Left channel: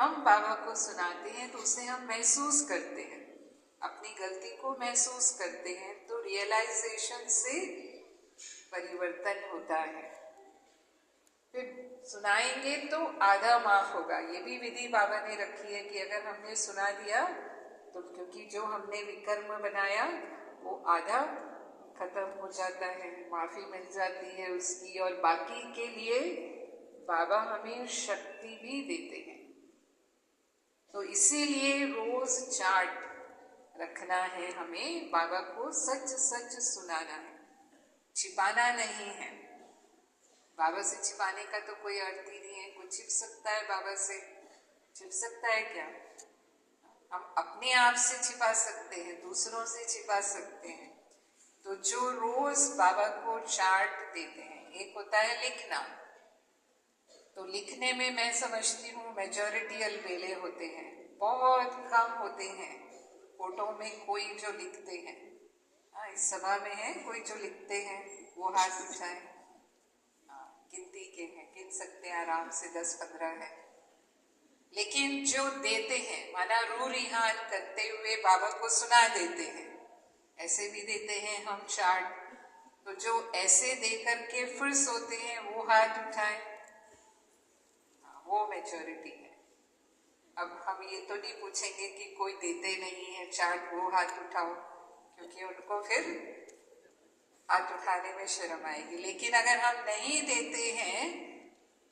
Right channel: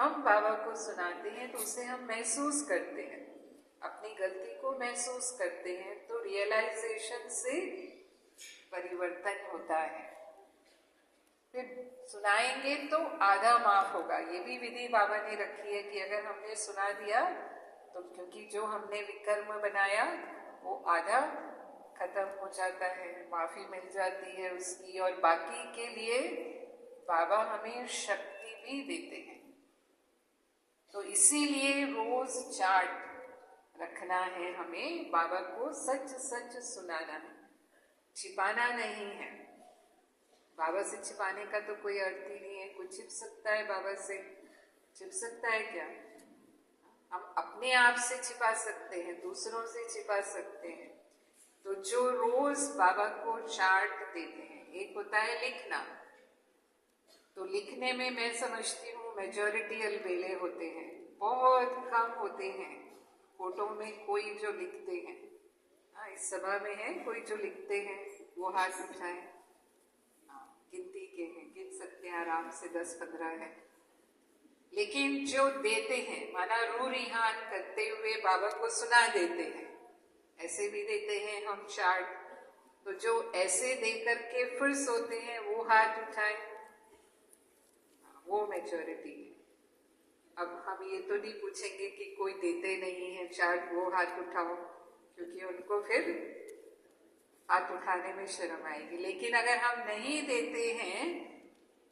हम बाबा को सुनाते हैं तो उसे हम महसूस करते हैं, अपनी गलती को महसूस करते हैं, तो रियलाइजेशन से परिवर्तन होता है। फिर सुनाएंगे तो आधा माफ होगा। ये भी विधि बाबा ने रखी है कि अगर हमने सुना दिया तो क्योंकि जो हमने विकर्म बनाया वो आधा खत्म हो जाता है, माफी मिल जाती है उसकी, और बाकी के लिए बाबा हमें शक्ति भी देते हैं। तो इसीलिए रोज चार्ट रखना है हमें, बाबा को सच सच सुनाना है, छिपाना नहीं है। बाबा से छिपाने का तो कोई अर्थ ही नहीं है। कोई छिप सकता है बाबा से? छिप सकता है क्या? हम अपने आप से छिपा सकते हैं, दूसरों से छिपा सकते हैं। तो जो रोज बाबा को चार्ट देते हैं, एक होता है लिखना, तो लिखने में मैं समझती हूँ मेजॉरिटी अलबेले होते हैं, बहुत कम होते हैं फोटो में कोई जो लिखते हैं। इस सभा में है कोई जो लिखते हैं? वो हाथ उठाए। गिनती के हैं, गिन सकते हैं आराम से, 10-15 है। लेकिन जो देते हैं, माना रू रिहान करते हुए बाबा को सुना देते हैं, ऐसे भी देते हैं हम चार्ट। तो जो ऐसे दे करके फिर सोते हैं वो हाथ उठाएं, वो मेजॉरिटी है। अब हम ये तो नहीं पूछेंगे कि कोई देते नहीं है चार्ट, वो हाथ उठाओ, क्योंकि उनको फिर हाथ उठाने में शर्म आएगी। लेकिन अगर हम नहीं देते हैं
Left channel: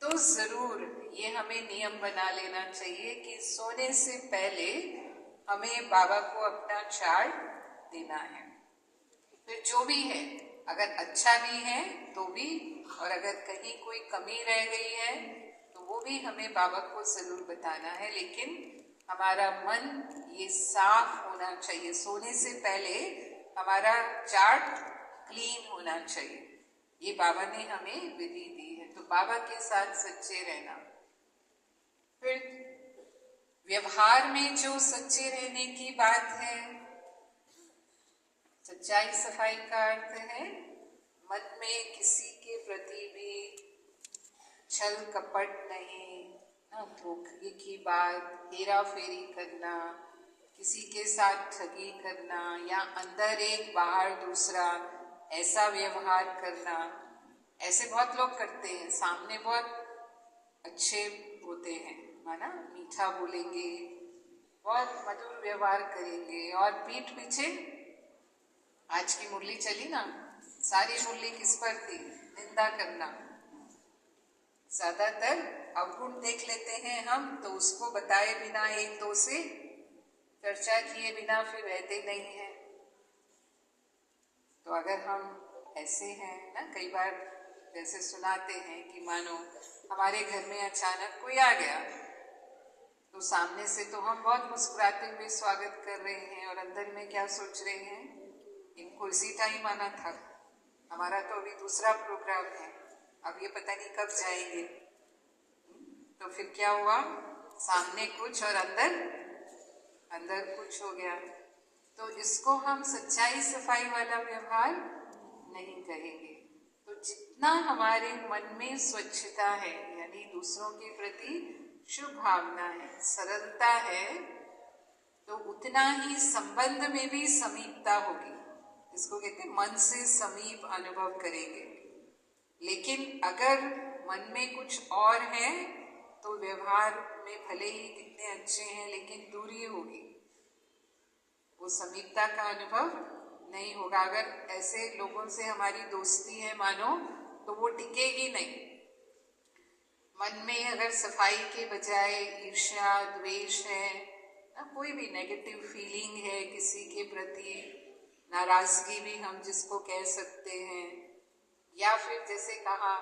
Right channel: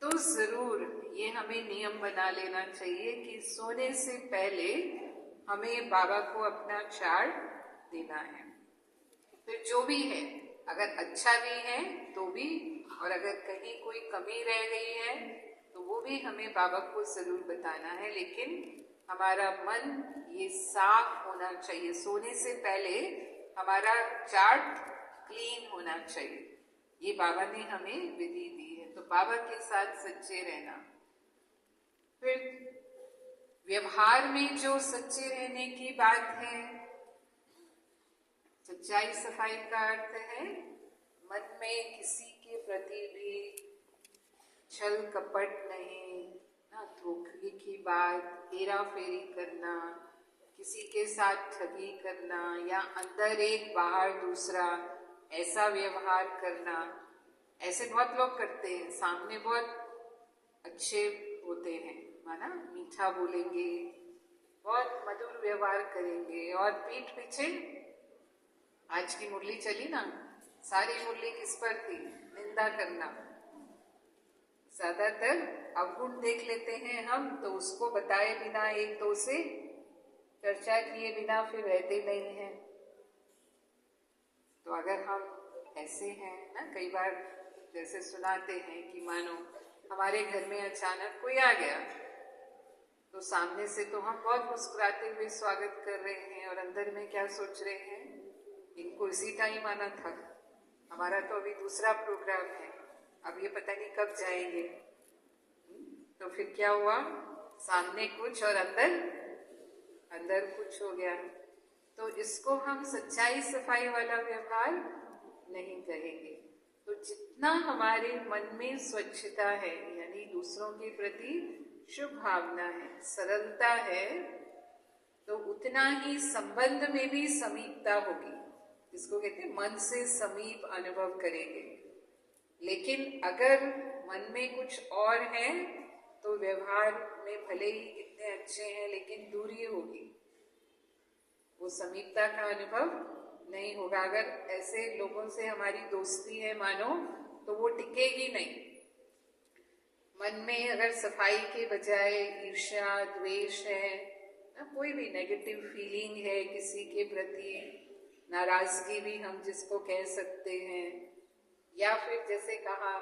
तो जरूर ये हमें नियम बना लेना चाहिए कि सोने से पहले हमें बाबा को अपना चार्ट देना है। फिर जो भी है, अगर अच्छा भी है तो भी, और अगर कहीं कोई कमी रह गई है तो वो भी हमें बाबा को जरूर बताना है। लेकिन हमारा मन ये साफ होना चाहिए, सोने से पहले हमारा चार्ट क्लीन होना चाहिए। ये बाबा ने हमें विधि दी है, तो बाबा के साथ सच्चे रहना। फिर व्यवहार में जो सच्चे रहने की बात है, सच्चाई सफाई का अर्थ है मन में किसी के प्रति भी छल कपट नहीं, ना धोखे की बात, हेरा फेरी करना, किसी के साथ ठगी करना, या अंदर एक बाहर दूसरा, ऐसा व्यवहार करना। ऐसे बहुत लोग करते हैं, सामने बहुत अच्छे होते हैं, माना मीठा बोलेंगे, बहुत मधुर व्यवहार करेंगे, और पीठ पीछे, आज की मुरली चली ना, सारी मुरली किस पर थी? निंदा करना। ज्यादातर अवगुण देख लेते हैं हम, तो उसको बताए बिना, एक दो से चर्चा किए बिना फिर रहते नहीं हैं। तो अगर हम ऐसे हैं ना, कई बार जैसे सुनाते हैं कि मानो हमारे घर में अचानक कोई आ गया, तो सामने से तो हम बहुत मुस्कुराते हुए स्वागत कर रहे हैं, और अंदर में क्या सोच रहे हैं, इनको इसी टाइम आना था, हमारा तो अभी दूसरा प्रोग्राम है, अब ये पता नहीं कब जाएंगे। तो फिर क्या हुआ, सामने कुछ और अंदर कुछ हो गया। तो इसको हम सच्चाई सफाई वाला व्यवहार नहीं करेंगे। तो जितना हमारे मन में स्वच्छता है, यानी दूसरों के प्रति शुभ भावना है, सरलता है, तो उतना ही संबंध में भी समीपता होगी। इसको कहते हैं मन से समीप अनुभव करेंगे। लेकिन अगर मन में कुछ और है तो व्यवहार में भले ही कितने अच्छे हैं, लेकिन दूरी होगी, वो समीपता का अनुभव नहीं होगा। अगर ऐसे लोगों से हमारी दोस्ती है मानो, तो वो टिकेगी नहीं। मन में अगर सफाई के बजाय ईर्ष्या, द्वेष है, कोई भी नेगेटिव फीलिंग है किसी के प्रति, नाराजगी भी हम जिसको कह सकते हैं, या फिर जैसे कहा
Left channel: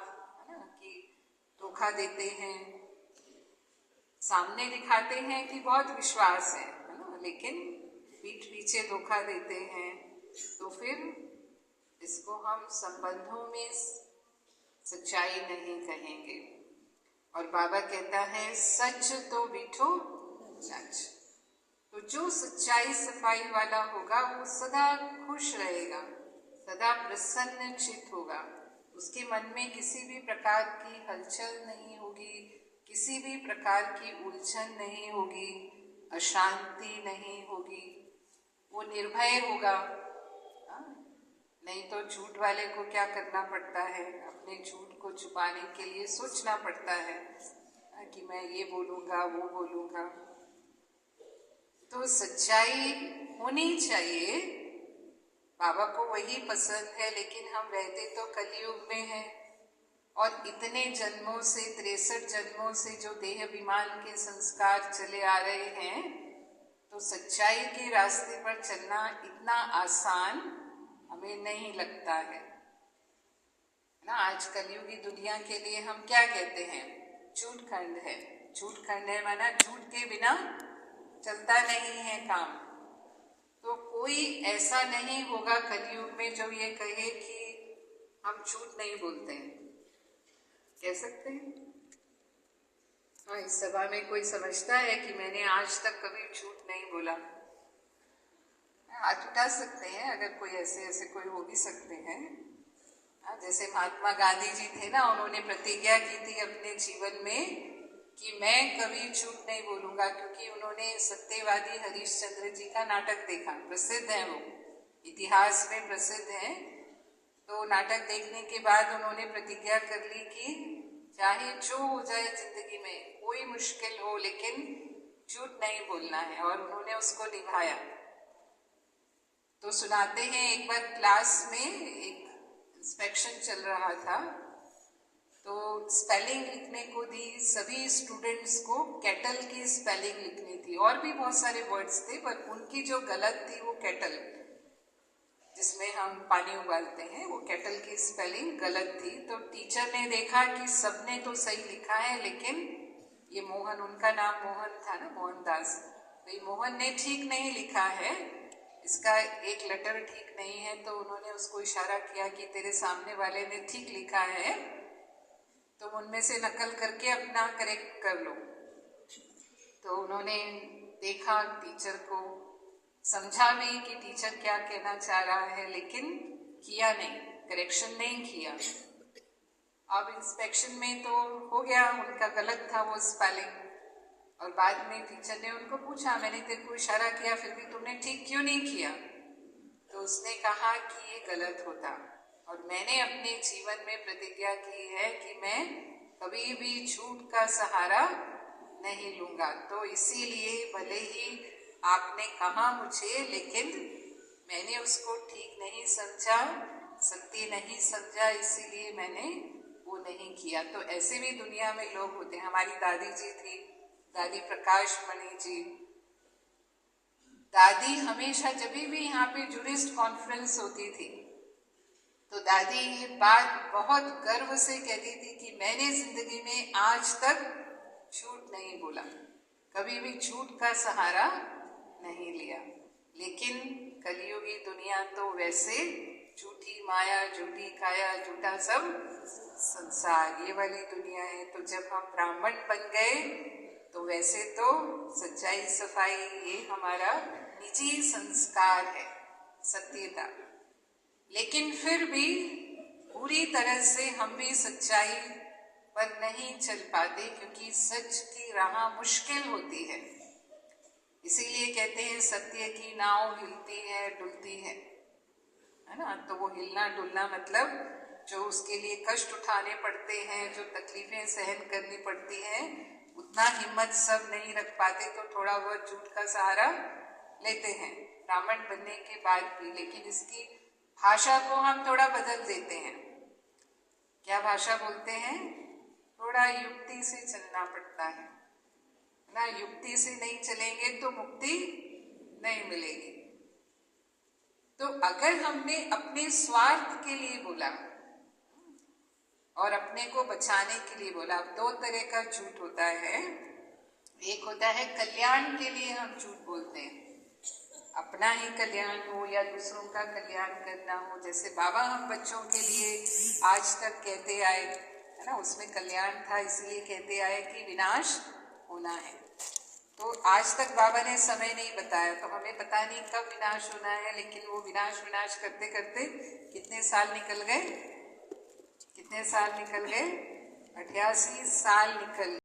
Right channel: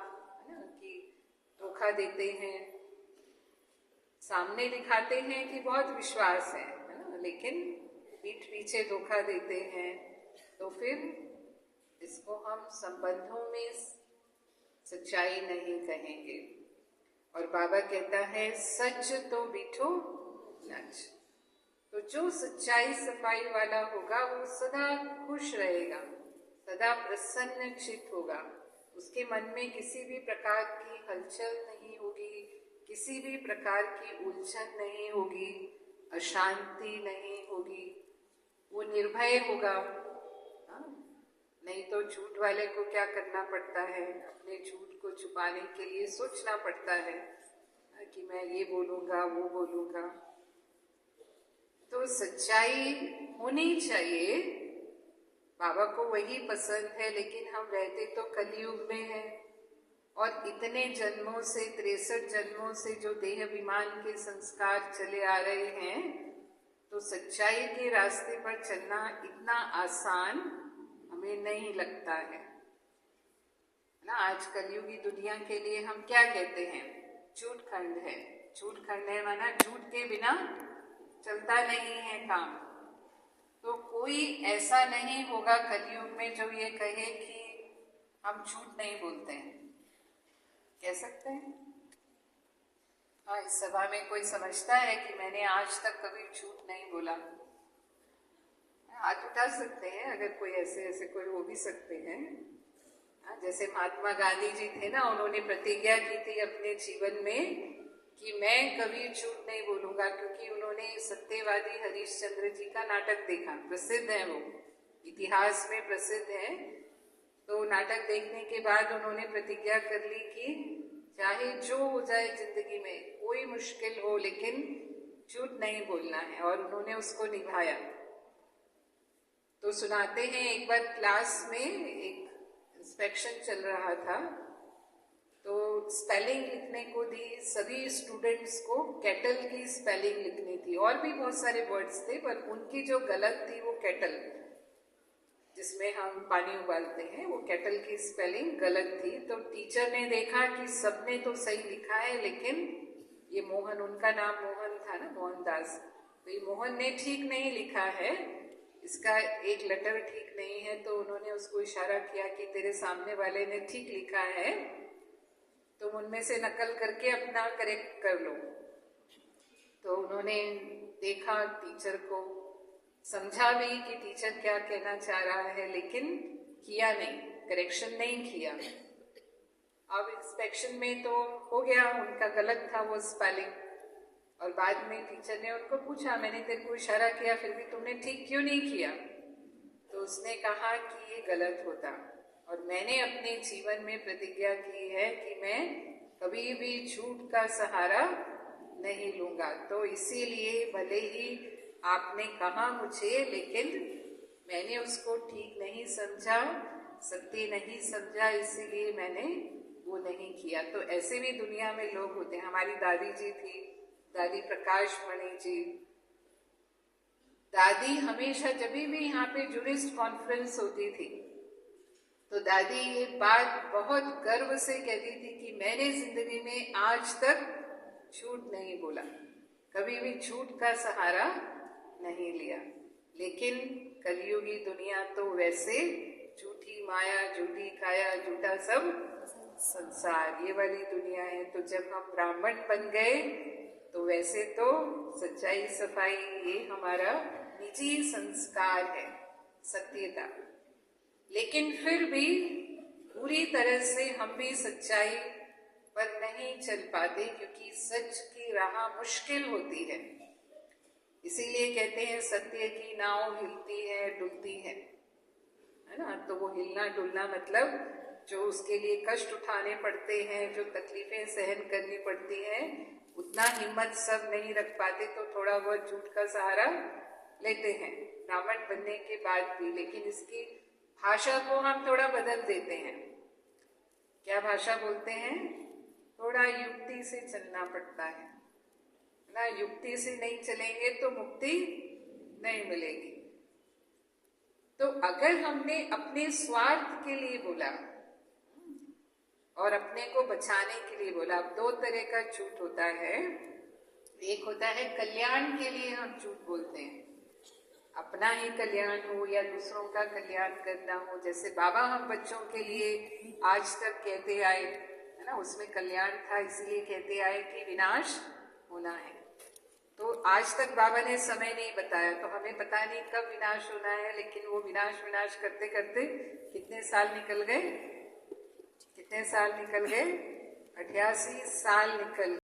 ना कि धोखा देते हैं, सामने दिखाते हैं कि बहुत विश्वास है ना, लेकिन पीठ पीछे धोखा देते हैं, तो फिर इसको हम संबंधों में सच्चाई नहीं कहेंगे। और बाबा कहता है सच तो बिठो सच। तो जो सच्चाई सफाई वाला होगा वो सदा खुश रहेगा, सदा प्रसन्न चित होगा, उसके मन में किसी भी प्रकार की हलचल नहीं होगी, किसी भी प्रकार की उलझन नहीं होगी, अशांति नहीं होगी, वो निर्भय होगा। नहीं तो झूठ वाले को क्या करना पड़ता है, अपने झूठ को छुपाने के लिए सोचना पड़ता है कि मैं ये बोलूँगा वो बोलूँगा। तो सच्चाई होनी चाहिए, बाबा को वही पसंद है, लेकिन हम रहते तो कलयुग में हैं और इतने जन्मों से 63 जन्मों से जो देह विमान के संस्कार चले आ रहे हैं, तो सच्चाई के रास्ते पर चलना इतना आसान हमें नहीं लगता है ना। आज कलयुगी दुनिया के लिए हम क्या कहते हैं, झूठ खंड है। झूठ खंड है माना झूठ के बिना चलता नहीं है काम। तो कोई ऐसा नहीं होगा कलयुग में जो ये कहे कि हम झूठ नहीं बोलते हैं। कह सकते हैं? हाँ, इस सभा में कोई समझता है कि मैंने आज तक कभी झूठ नहीं बोला? हाथ उठा सकते हैं अगर कोई ऐसे कोई हो भी सकते हैं। जैसे महात्मा गांधी जी थे ना, उन्होंने प्रतिज्ञा की थी अपने जीवन में कि मैं कभी झूठ नहीं बोलूंगा, क्योंकि उन्होंने सत्यवादी हरिश्चंद्र जी का नाटक देखा, प्रसिद्ध है वो, इतिहास में प्रसिद्ध है। तो नाटक देखने के बाद उन्होंने प्रतिज्ञा कर ली कि चाहे जो हो जाए जिंदगी में, कोई मुश्किल हो, लेकिन झूठ नहीं बोलना है, और उन्होंने उसको निभाया। तो सुनाते हैं, एक बार क्लास में एक इंस्पेक्शन चल रहा था, तो स्पेलिंग लिखने को दी सभी स्टूडेंट्स को। केटल की स्पेलिंग लिखनी थी, और भी बहुत सारे वर्ड्स थे, पर उनकी जो गलत थी वो केटल, जिसमें हम पानी उबालते हैं, वो केटल की स्पेलिंग गलत थी। तो टीचर ने देखा कि सबने तो सही लिखा है, लेकिन ये मोहन, उनका नाम मोहन था ना, मोहनदास, तो ये मोहन ने ठीक नहीं लिखा है, इसका एक लेटर ठीक नहीं है। तो उन्होंने उसको इशारा किया कि तेरे सामने वाले ने ठीक लिखा है, तुम उनमें से नकल करके अपना करेक्ट कर लो। तो उन्होंने देखा टीचर को, समझा भी कि टीचर क्या कहना चाह रहा है, लेकिन किया नहीं, करेक्शन नहीं किया। अब इंस्पेक्शन में तो हो गया, उनका गलत था वो स्पेलिंग, और बाद में टीचर ने उनको पूछा, मैंने तेरे को इशारा किया फिर भी तुमने ठीक क्यों नहीं किया? तो उसने कहा कि ये गलत होता, और मैंने अपने जीवन में प्रतिज्ञा की है कि मैं कभी भी झूठ का सहारा नहीं लूंगा। तो इसीलिए भले ही आपने कहा मुझे, लेकिन मैंने उसको ठीक नहीं समझा, सत्य नहीं समझा, इसीलिए मैंने वो नहीं किया। तो ऐसे भी दुनिया में लोग होते हैं। हमारी दादी जी थी, दादी प्रकाश मणि जी, दादी हमेशा जब भी यहाँ पे जूडिस्ट कॉन्फ्रेंस होती थी, तो दादी ये बात बहुत गर्व से कहती थी कि मैंने जिंदगी में आज तक झूठ नहीं बोला, कभी भी झूठ का सहारा नहीं लिया। लेकिन कलयुगी दुनिया तो वैसे झूठी माया, झूठी काया, झूठा सब संसार, ये वाली दुनिया है। तो जब हम ब्राह्मण बन गए, तो वैसे तो सच्चाई सफाई ये हमारा निजी संस्कार है, सत्यता, लेकिन फिर भी पूरी तरह से हम भी सच्चाई पर नहीं चल पाते, क्योंकि सच की राह मुश्किल होती है। इसीलिए कहते हैं सत्य की नाव हिलती है डुलती है ना। तो वो हिलना डुलना मतलब जो उसके लिए कष्ट उठाने पड़ते हैं, जो तकलीफें सहन करनी पड़ती हैं, उतना हिम्मत सब नहीं रख पाते, तो थोड़ा बहुत झूठ का सहारा लेते हैं ब्राह्मण बनने के बाद भी। लेकिन इसकी भाषा को हम थोड़ा बदल देते हैं। क्या भाषा बोलते हैं? थोड़ा युक्ति से चलना पड़ता है ना। युक्ति से नहीं चलेंगे तो मुक्ति नहीं मिलेगी। तो अगर हमने अपने स्वार्थ के लिए बोला और अपने को बचाने के लिए बोला, अब दो तरह का झूठ होता है। एक होता है कल्याण के लिए हम झूठ बोलते हैं, अपना ही कल्याण हो या दूसरों का कल्याण करना हो। जैसे बाबा हम बच्चों के लिए आज तक कहते आए है ना, उसमें कल्याण था, इसलिए कहते आए कि विनाश होना है। तो आज तक बाबा ने समय नहीं बताया, तो हमें पता नहीं कब विनाश होना है, लेकिन वो विनाश करते करते कितने साल निकल गए, 88 साल निकल